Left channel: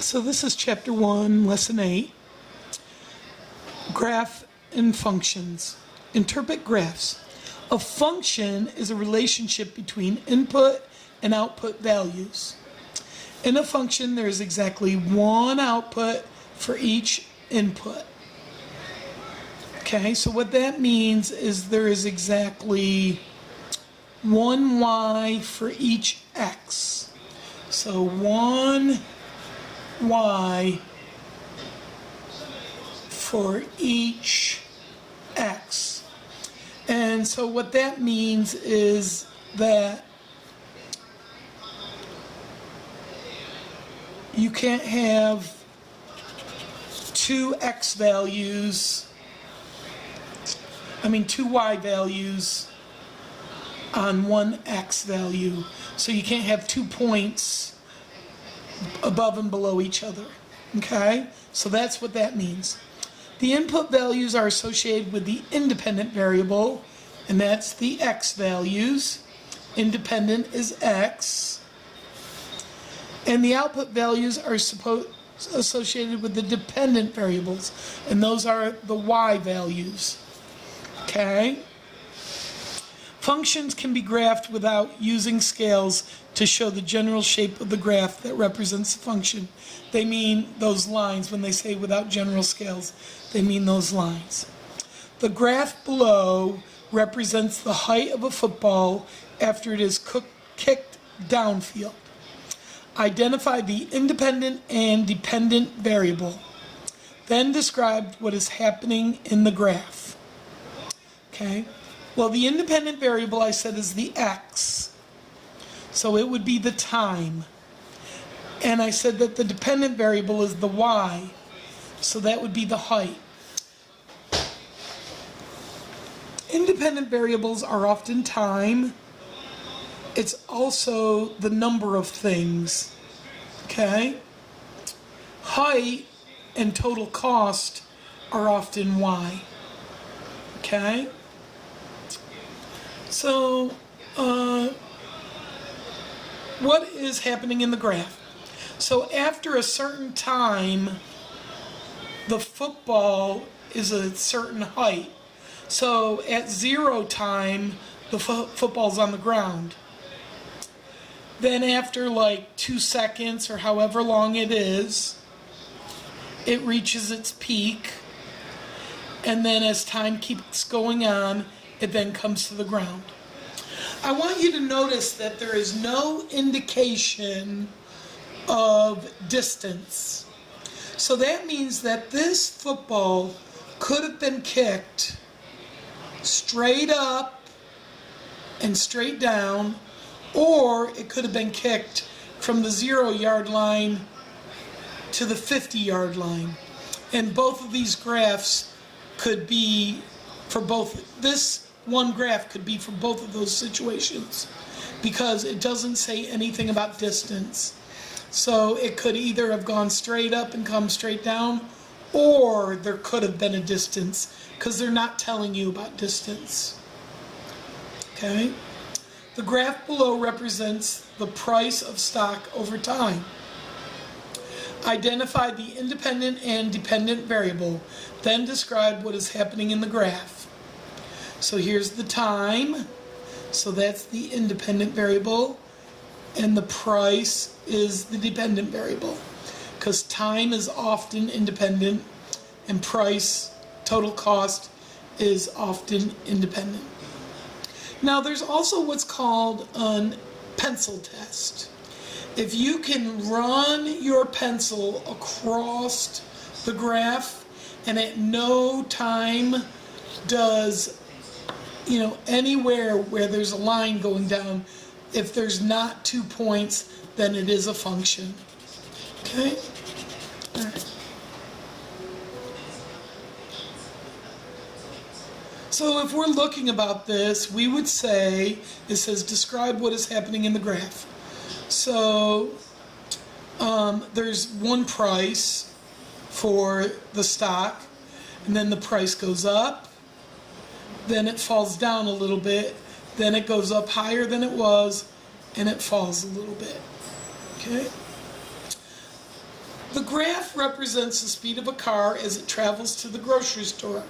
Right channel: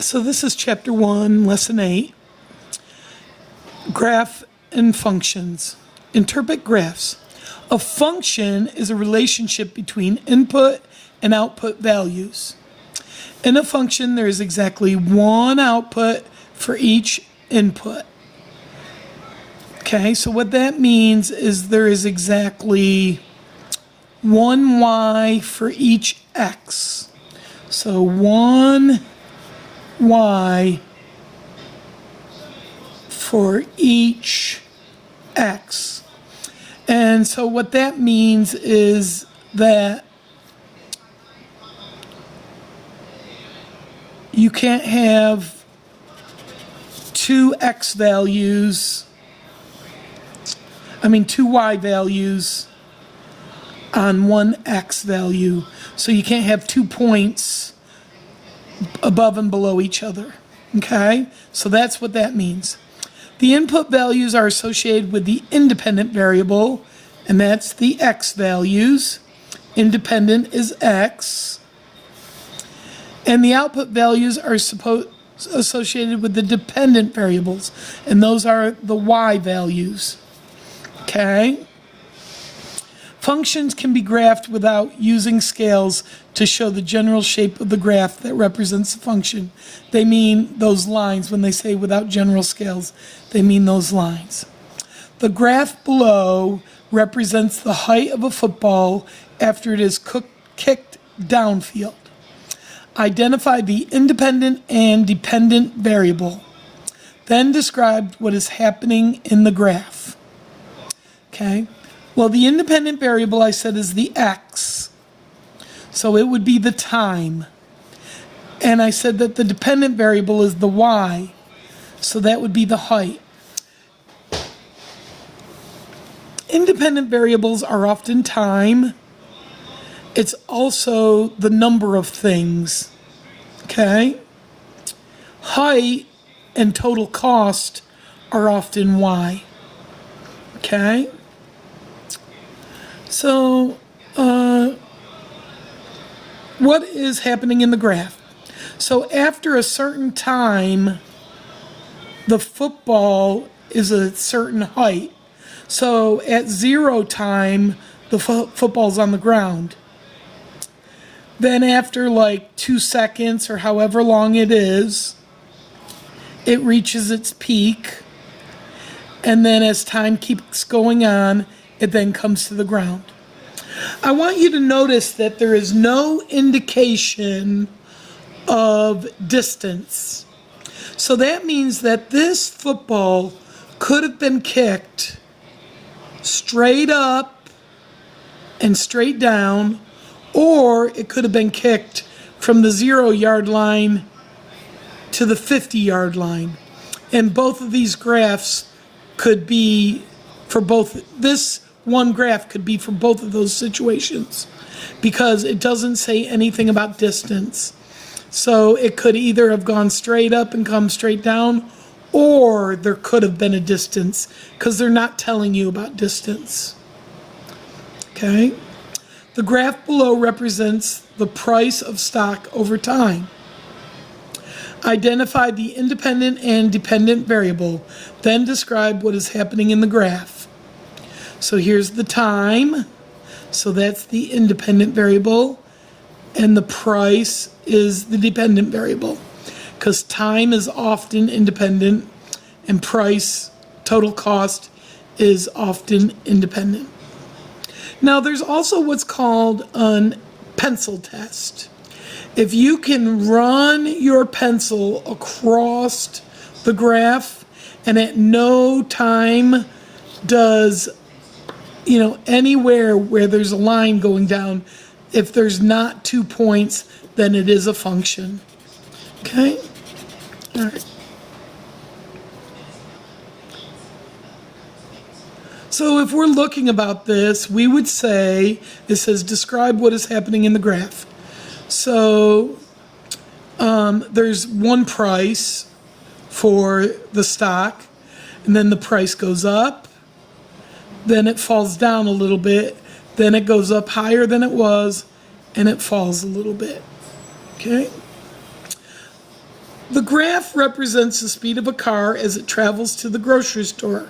So this is chapter 1, lesson 8, graph and functions. Interpret graphs. A function is a relationship between input and output values. In a function, there is exactly one output for each input. Okay, so what that means is there is exactly one y for each x. So one y for each x. And so what that means is that you can't have two y values on one x value. So you can't have 2 points above and below each other. Okay? So that's what that means. The input values are associated with the independent variable, and that's the x values. Independent is x. And the output values are associated with the dependent variables, and those are the y values. Okay? Functions can be graphed without using scales to show the general shape of the graph that represents the function. They mean those lines. When they say without general scales, they mean those lines. The graph below represents the height of a football after it is kicked downfield. Identify the independent and dependent variable. Then describe what is happening in the graph. Okay? Well, the independent variable I said is the x. So it would be the time. And I said that the dependent variable is the y. So that would be the height. Independent variables are often time. It's also the number of things. Okay? Height and total cost are often y. Okay? So, what is happening in the graph? So after a certain time, the football is a certain height. So at 0 time, the football's on the ground. Then after like 2 seconds or however long it is, it reaches its peak. And then as time keeps going on, it then comes to the ground. I want you to notice that there is no indication of distance. So that means that this football could have been kicked straight up and straight down, or it could have been kicked from the 0-yard line to the 50-yard line. And both of these graphs could be for both. This one graph could be for both of those situations because it doesn't say anything about distance. So it could either have gone straight up and come straight down, or there could have been a distance because they're not telling you about distance. Okay? The graph below represents the price of stock over time. Identify the independent and dependent variable. Then describe what is happening in the graph. So here's the time. So that's the independent variable. And the price is the dependent variable. Because time is often independent and price, total cost, is often independent. Now there's also what's called a pencil test. If you can run your pencil across the graph and at no time does, anywhere where there's a line going down, if there's not 2 points, then it is a function. Okay? All right. So if we're looking about this, we would say, it says describe what is happening in the graph. So there's one price for the stock, and then the price goes up, then it falls down a little bit, then it goes up higher than it was, and it falls a little bit. Okay? The graph represents the speed of a car as it travels to the grocery store.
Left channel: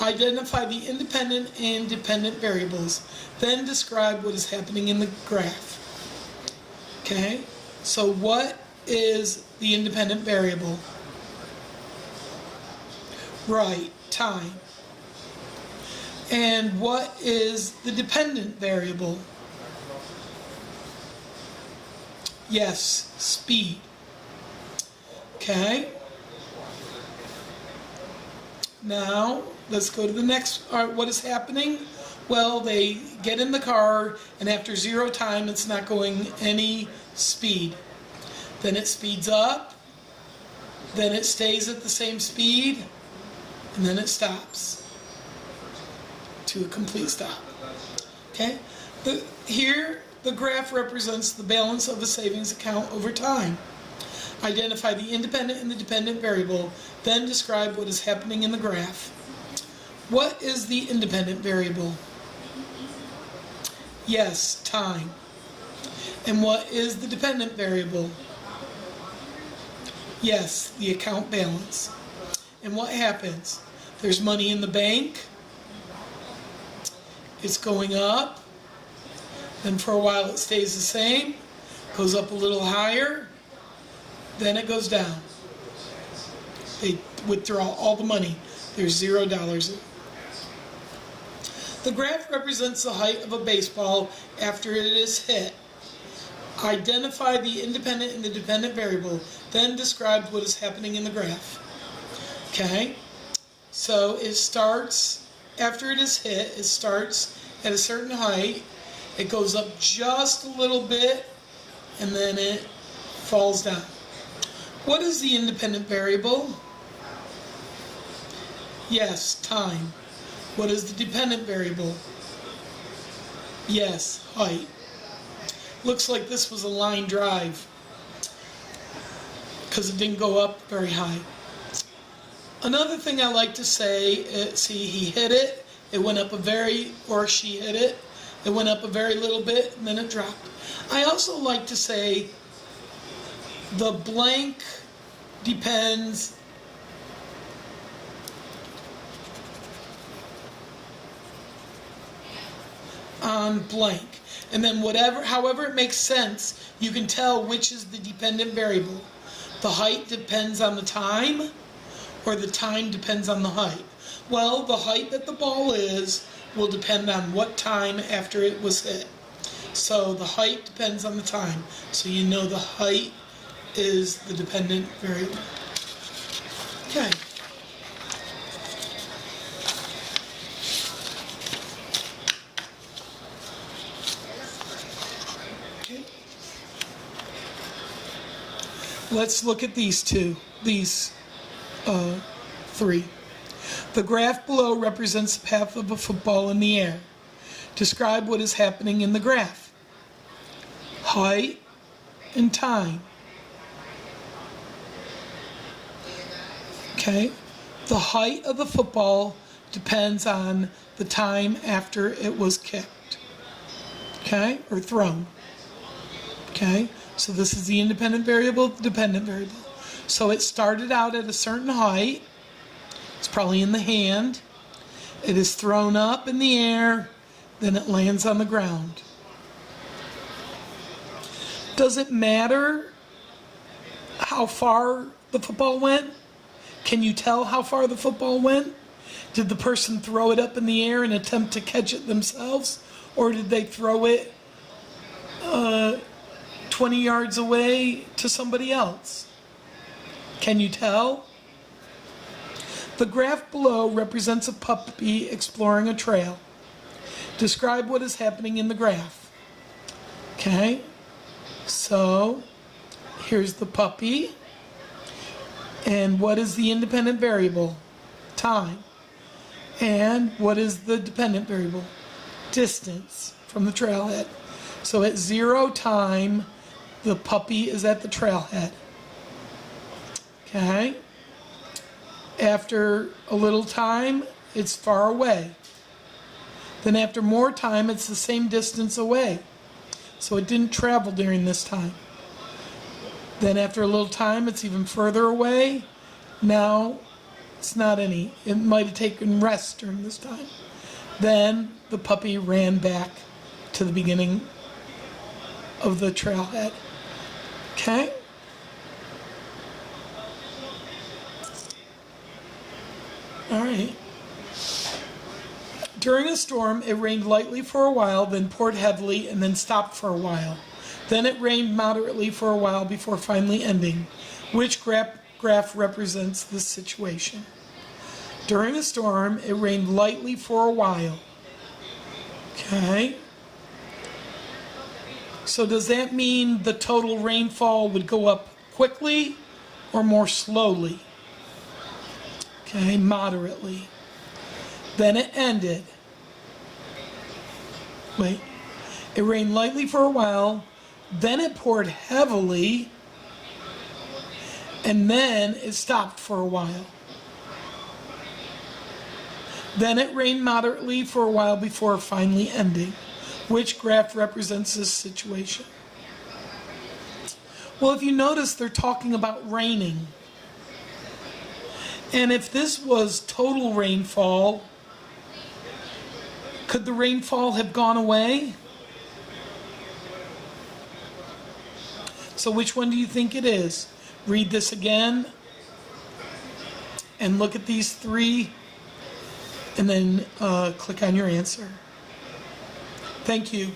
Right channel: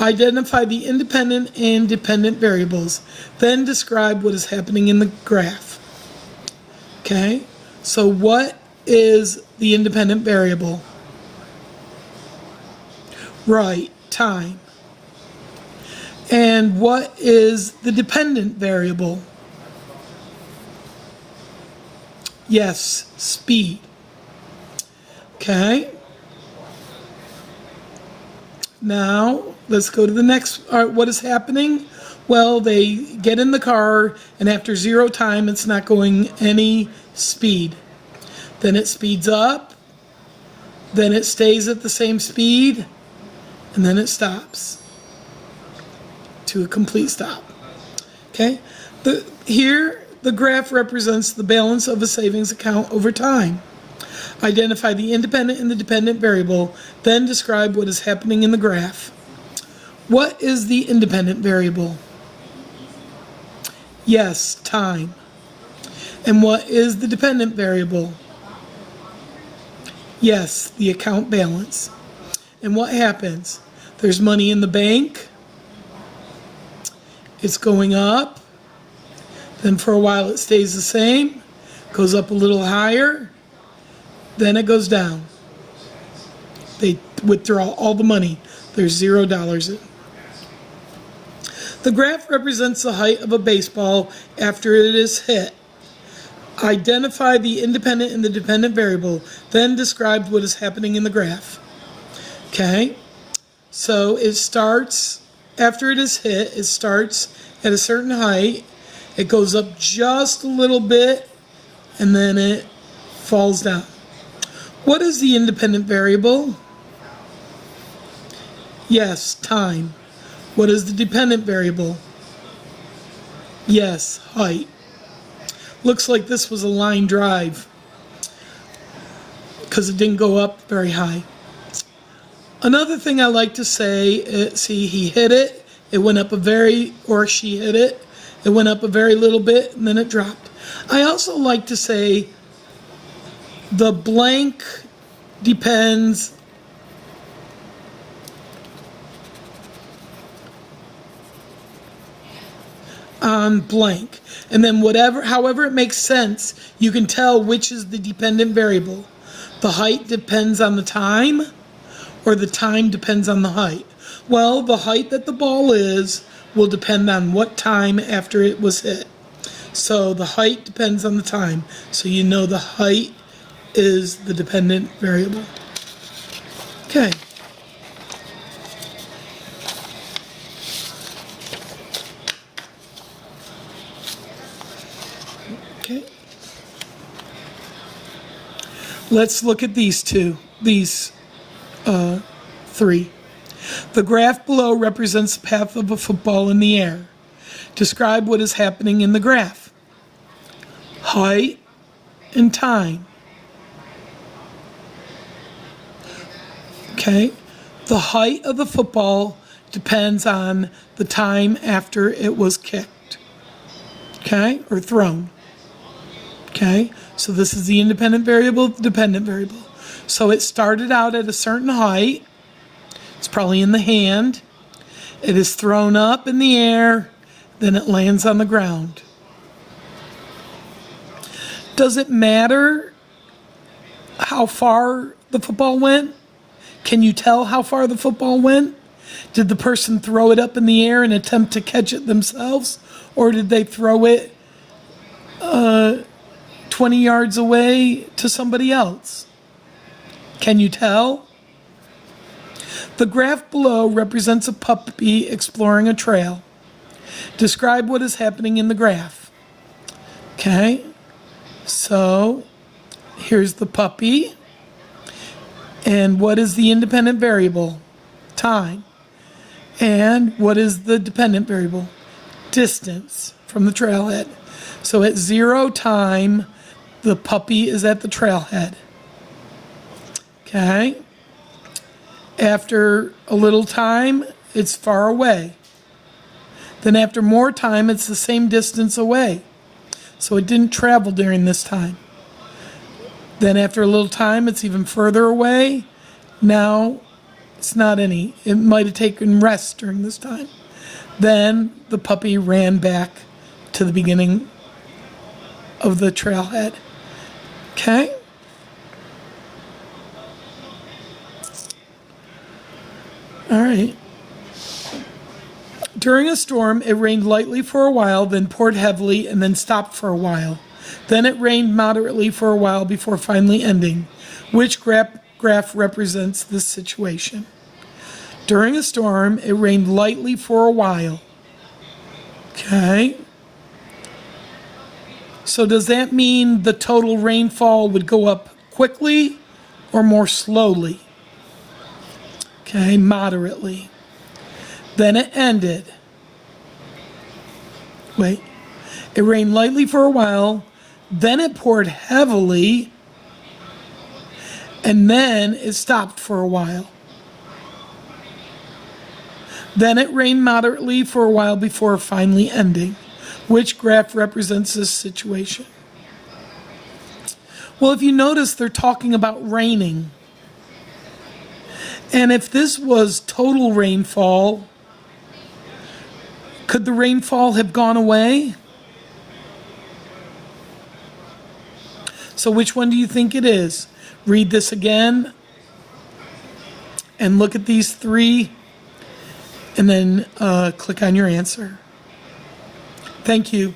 Identify the independent and dependent variables. Then describe what is happening in the graph. Okay, so what is the independent variable? Right, time. And what is the dependent variable? Yes, speed. Okay. Now, let's go to the next. All right, what is happening? Well, they get in the car, and after 0 time, it's not going any speed. Then it speeds up, then it stays at the same speed, and then it stops to a complete stop. Okay? Here, the graph represents the balance of a savings account over time. Identify the independent and the dependent variable, then describe what is happening in the graph. What is the independent variable? Yes, time. And what is the dependent variable? Yes, the account balance. And what happens? There's money in the bank. It's going up. Then for a while it stays the same. Goes up a little higher. Then it goes down. They withdraw all the money. There's $0 in it. The graph represents the height of a baseball after it is hit. Identify the independent and the dependent variable, then describe what is happening in the graph. Okay, so it starts, after it is hit, it starts at a certain height, it goes up just a little bit, and then it falls down. What is the independent variable? Yes, time. What is the dependent variable? Yes, height. Looks like this was a line drive because it didn't go up very high. Another thing I like to say, see, he hit it, it went up or she hit it, it went up a very little bit, and then it dropped. I also like to say the blank depends on blank. And then however it makes sense, you can tell which is the dependent variable. The height depends on the time, or the time depends on the height. Well, the height that the ball is will depend on what time after it was hit. So the height depends on the time. So you know the height is the dependent variable. Okay. Let's look at these three. The graph below represents the path of a football in the air. Describe what is happening in the graph. Height and time. Okay? The height of the football depends on the time after it was kicked. Okay? Or thrown. Okay? So this is the independent variable, the dependent variable. So it started out at a certain height. It's probably in the hand. It is thrown up in the air, then it lands on the ground. Does it matter how far the football went? Can you tell how far the football went? Did the person throw it up in the air and attempt to catch it themselves? Or did they throw it 20 yards away to somebody else? Can you tell? The graph below represents a puppy exploring a trail. Describe what is happening in the graph. Okay, so here's the puppy. And what is the independent variable? Time. And what is the dependent variable? Distance from the trailhead. So at 0 time, the puppy is at the trailhead. Okay? After a little time, it's far away. Then after more time, it's the same distance away. So it didn't travel during this time. Then after a little time, it's even further away. Now, it's not any. It might have taken rest during this time. Then the puppy ran back to the beginning of the trailhead. Okay? All right. During a storm, it rained lightly for a while, then poured heavily, and then stopped for a while. Then it rained moderately for a while before finally ending. Which graph represents this situation? During a storm, it rained lightly for a while. Okay. So does that mean the total rainfall would go up quickly or more slowly? Okay, moderately. Then it ended. Wait. It rained lightly for a while, then it poured heavily, and then it stopped for a while. Then it rained moderately for a while before finally ending. Which graph represents this situation? Well, if you notice, they're talking about raining. And if this was total rainfall, could the rainfall have gone away? So which one do you think it is? Read this again and look at these three and then click on your answer. Thank you.